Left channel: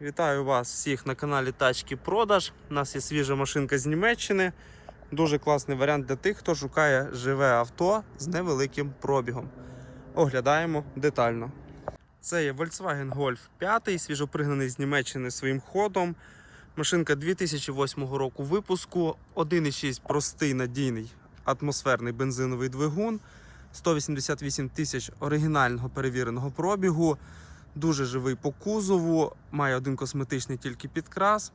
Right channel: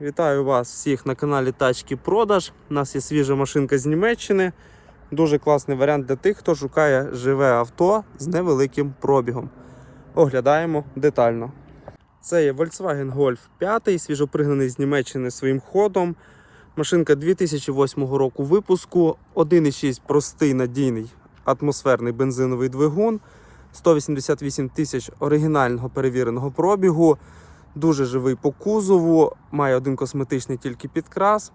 Вітаю вас всіх на каналі Тачки Продаж. У нас є свіжа машинка з Німеччини. Дуже класний варіант для тих, хто шукає живе авто з невеликим пробігом. Оглядаємо детально. Це є Volkswagen Golf 5, свіжопригнаний з Німеччини своїм ходом. Машинка 2008 року випуску, 1,6 простий надійний атмосферний бензиновий двигун, 188 тисяч оригінального перевіреного пробігу. Дуже живий по кузову, має один косметичний тільки підкрас.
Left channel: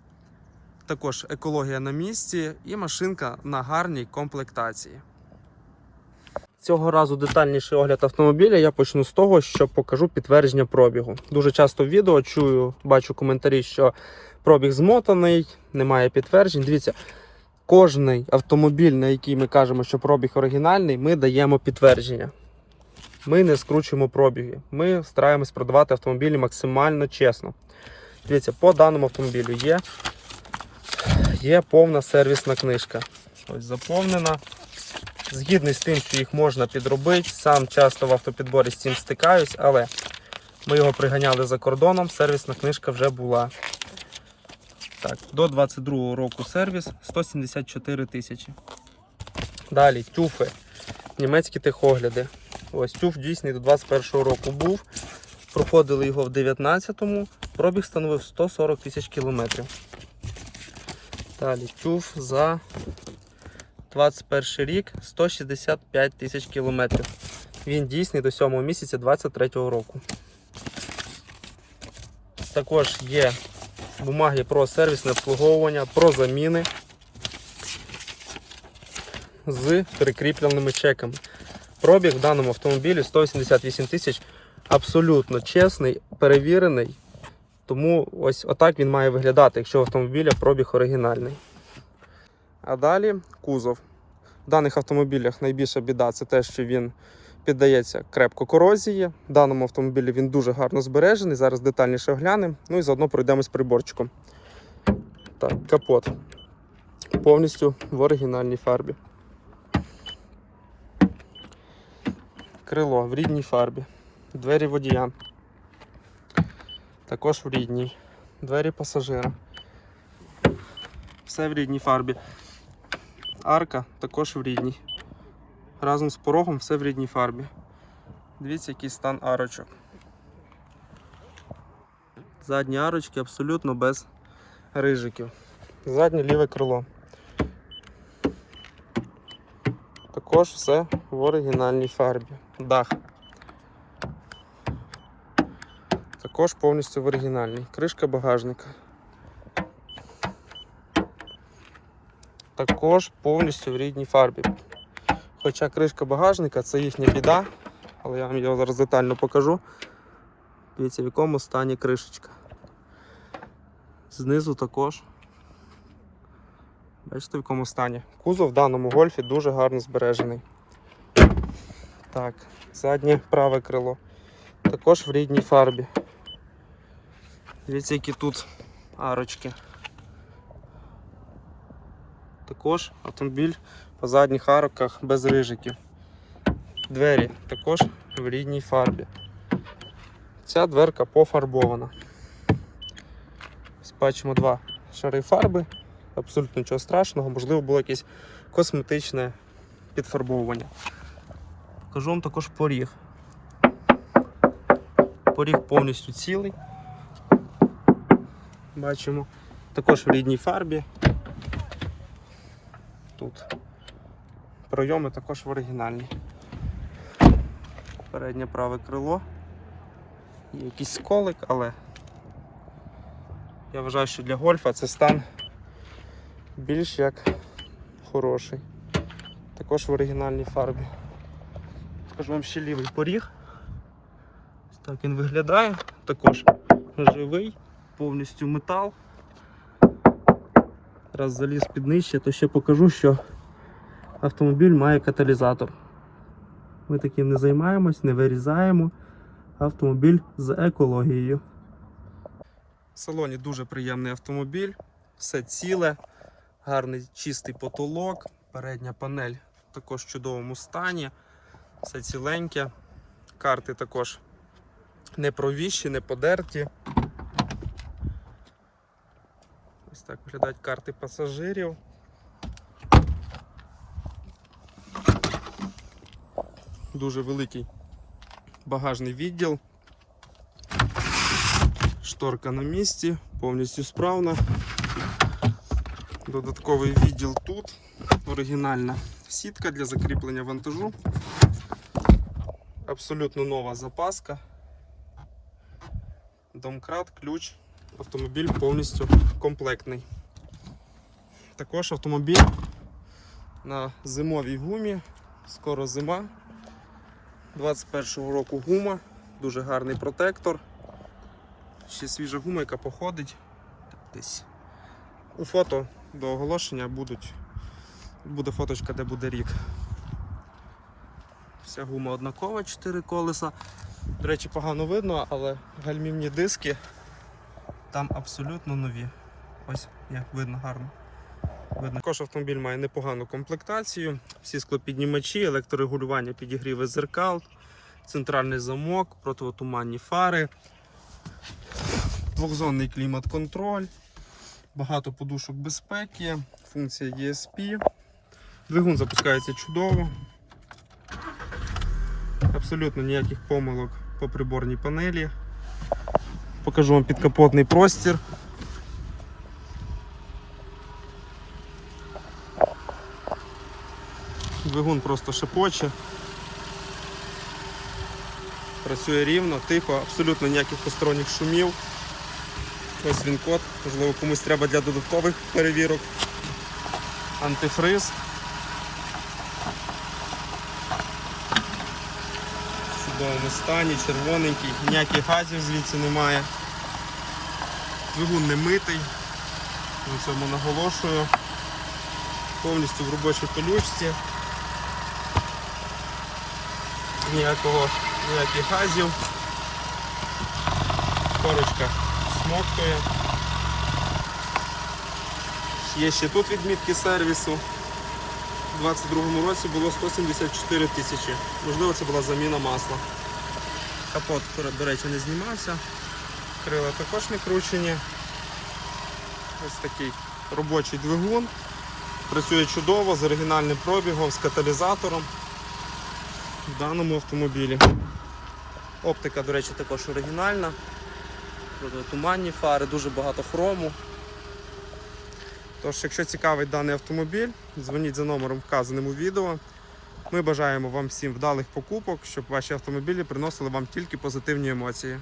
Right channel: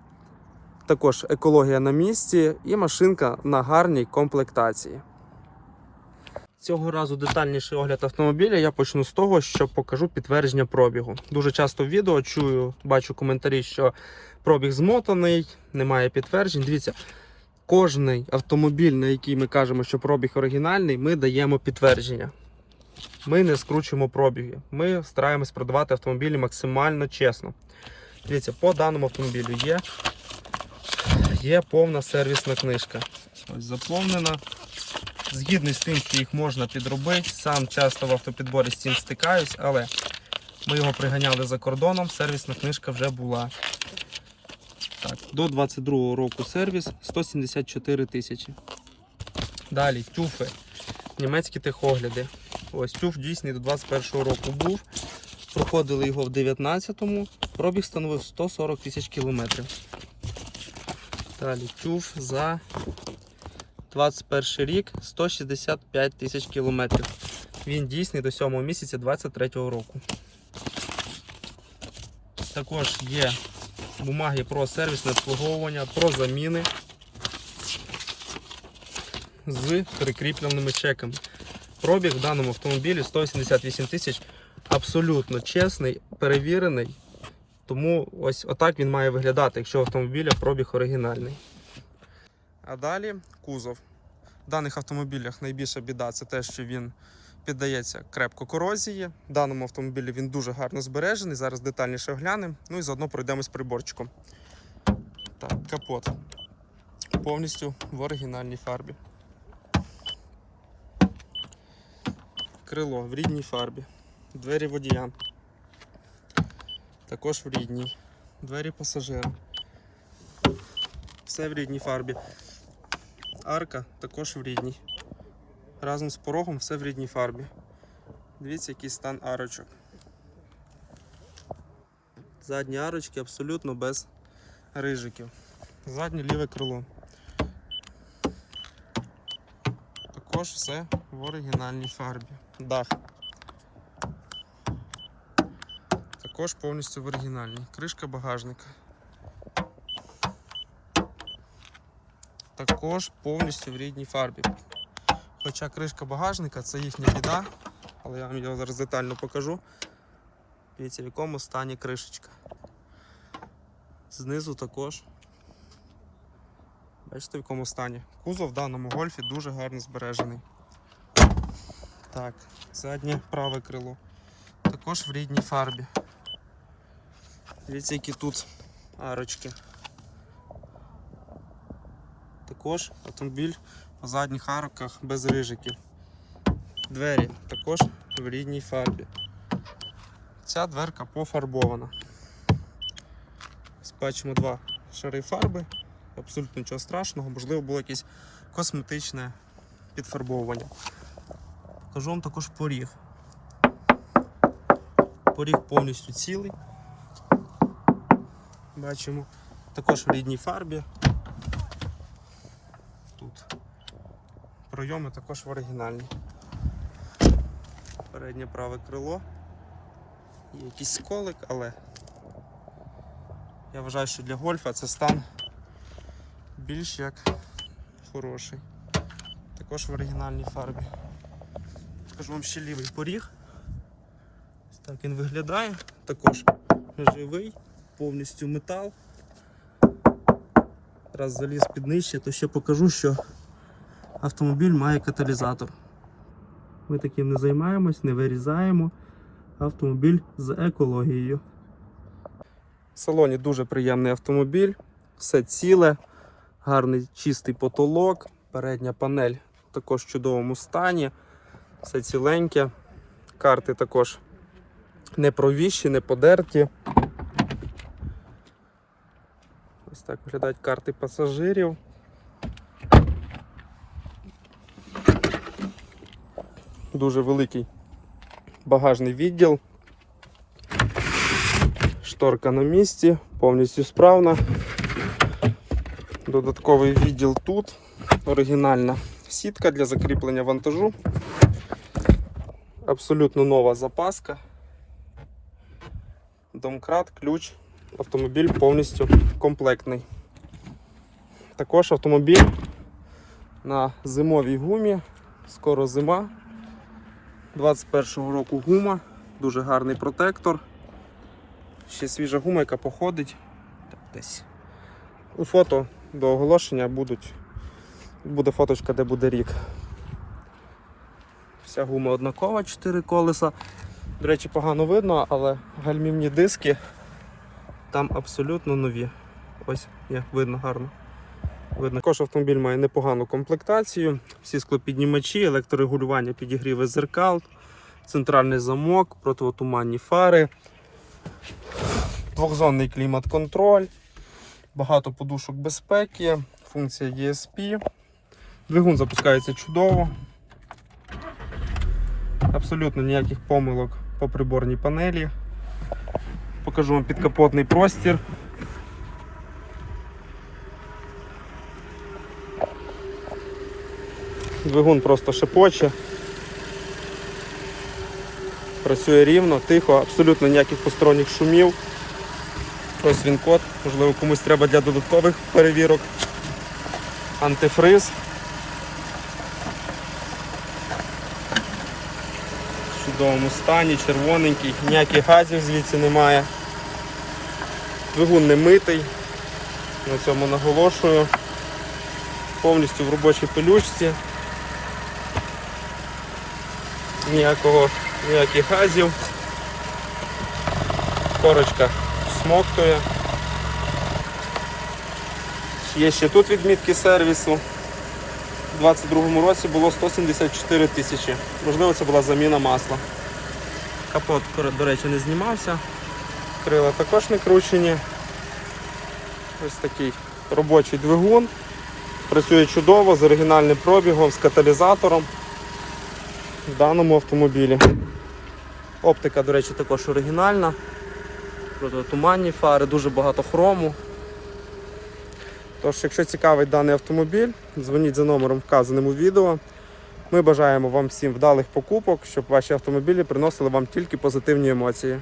Також екологія на місці і машинка на гарній комплектації. Цього разу детальніший огляд автомобіля я почну з того, що покажу підтвердження пробігу. Дуже часто в відео чую, бачу коментарі, що пробіг змотаний, немає підтверджень. Дивіться, кожний автомобіль, на який ми кажемо, що пробіг оригінальний, ми даємо підтвердження. Ми не скручуємо пробіги. Ми стараємось продавати автомобілі максимально чесно. Дивіться, по даному автомобілю є, є повна сервісна книжка. Ось заповнена. Згідний з тим, що їх можна підробити. Сам часто в автопідборі з цим стикаюсь, але ми його приганяли за кордоном, сервісна книжка вже була. Так, до 22 року сервіс 174 тисячі. Далі тюфи, німецькі техогляди. Ось тюф дійсний до 21 року був. Проходили його в 19-му, пробіг становив 140 тисяч кілометрів. Далі тюф за 21 рік 165 тисяч кілометрів. Він дійсний до 7 місяця 23 року. Також є бумаги про сервісне обслуговування, про заміни з прикріпленими чеками. Пробіг в даному автомобілі 188 тисяч. Абсолютно чесний, перевірений. Тому ось отак він має виглядати, якщо автомобіля пробіг оригінальний. А далі кузов. В даних автомобілях найбільша біда це те, що він піддається крепко корозії. В даному автомобілі він дуже гарно збережений. Зараз детальніше оглянемо. Ну і заодно пройдемось приборчиком. Так, капот. Повністю в оригінальній фарбі. Крило в рідній фарбі. Двері водія. Також в рідній. Двері пасажира. Все в рідній фарбі. Арка також в рідній. Разом з порогом все в рідній фарбі. Дивіться, який стан арочок. Задні арочки абсолютно без рижиків. Заднє ліве крило. Також все в оригінальній фарбі. Дах. Також повністю в оригінальній. Кришка багажника. Також повністю в рідній фарбі. Хоча кришка багажника це їхня біда, але я вам його зараз детально покажу. Дивіться, в якому стані кришечка. Знизу також. Бачите, в якому стані. Кузов в даному гольфі дуже гарно збережений. Так, заднє праве крило. Також в рідній фарбі. Дивіться, які тут арочки. Також автомобіль по задніх арках без рижиків. Двері також в рідній фарбі. Ця дверка пофарбована. Ось Бачимо два шари фарби, абсолютно нічого страшного, можливо, було якесь косметичне підфарбовування. Покажу вам також поріг. Поріг повністю цілий. Бачимо. Також в рідній фарбі. Тут пройоми також в оригінальній. Переднє праве крило. Є якийсь сколик, але я вважаю, що для гольфа це стан більш як хороший. Також в оригінальній фарбі. Покажу вам ще лівий поріг. Так він виглядає. Також живий, повністю метал. Раз заліз під нижче, то ще покажу, що автомобіль має каталізатор. Ми таким не займаємось, не вирізаємо. Автомобіль з екологією. В салоні дуже приємний автомобіль, все ціле, гарний чистий потолок, передня панель також в чудовому стані, все ціленьке. Карти також не провіщі, не подерті. Так виглядають карти пасажирів. Дуже великий багажний відділ. Шторка на місці, повністю справна. Додатковий відділ тут. Оригінальна сітка для закріплення вантажу. Абсолютно нова запаска. Домкрат, ключ. Автомобіль повністю комплектний. Також автомобіль на зимовій гумі. Скоро зима. 21-го року гума, дуже гарний протектор. Ще свіжа гума, яка походить. Десь. У фото до оголошення будуть. Буде фоточка, де буде рік. Вся гума однакова, 4 колеса. До речі, погано видно, але гальмівні диски там абсолютно нові. Ось, є, видно гарно. Видно. Також автомобіль має непогану комплектацію. Всі склопіднімачі, електрорегулювання підігріви зеркал, центральний замок, противотуманні фари, двохзонний клімат-контроль, багато подушок безпеки, функція ESP. Двигун запускається чудово. Абсолютно ніяких помилок по приборній панелі. Покажу вам підкапотний простір. Двигун просто шепоче. Працює рівно, тихо, абсолютно ніяких посторонніх шумів. Ось він код, можливо комусь треба для додаткових перевірок. Антифриз. Чудовому стані, червоненький, ніяких газів звідси немає. Двигун не митий. На цьому наголошую. Повністю в робочій пелючці. Ніякого, ніяких газів. Корочка смоктує. Є ще тут відмітки сервісу. У 2022 році було 174 тисячі. Можливо, це була заміна масла. Капот, до речі, не знімався. Крила також не кручені. Ось такий робочий двигун. Працює чудово з оригінальним пробігом, з каталізатором в даному автомобілі. Оптика, до речі, також оригінальна. Туманні фари, дуже багато хрому. Тож, якщо цікавий даний автомобіль, дзвоніть за номером вказаним у відео. Ми бажаємо вам всім вдалих покупок, щоб ваші автомобілі приносили вам тільки позитивні емоції.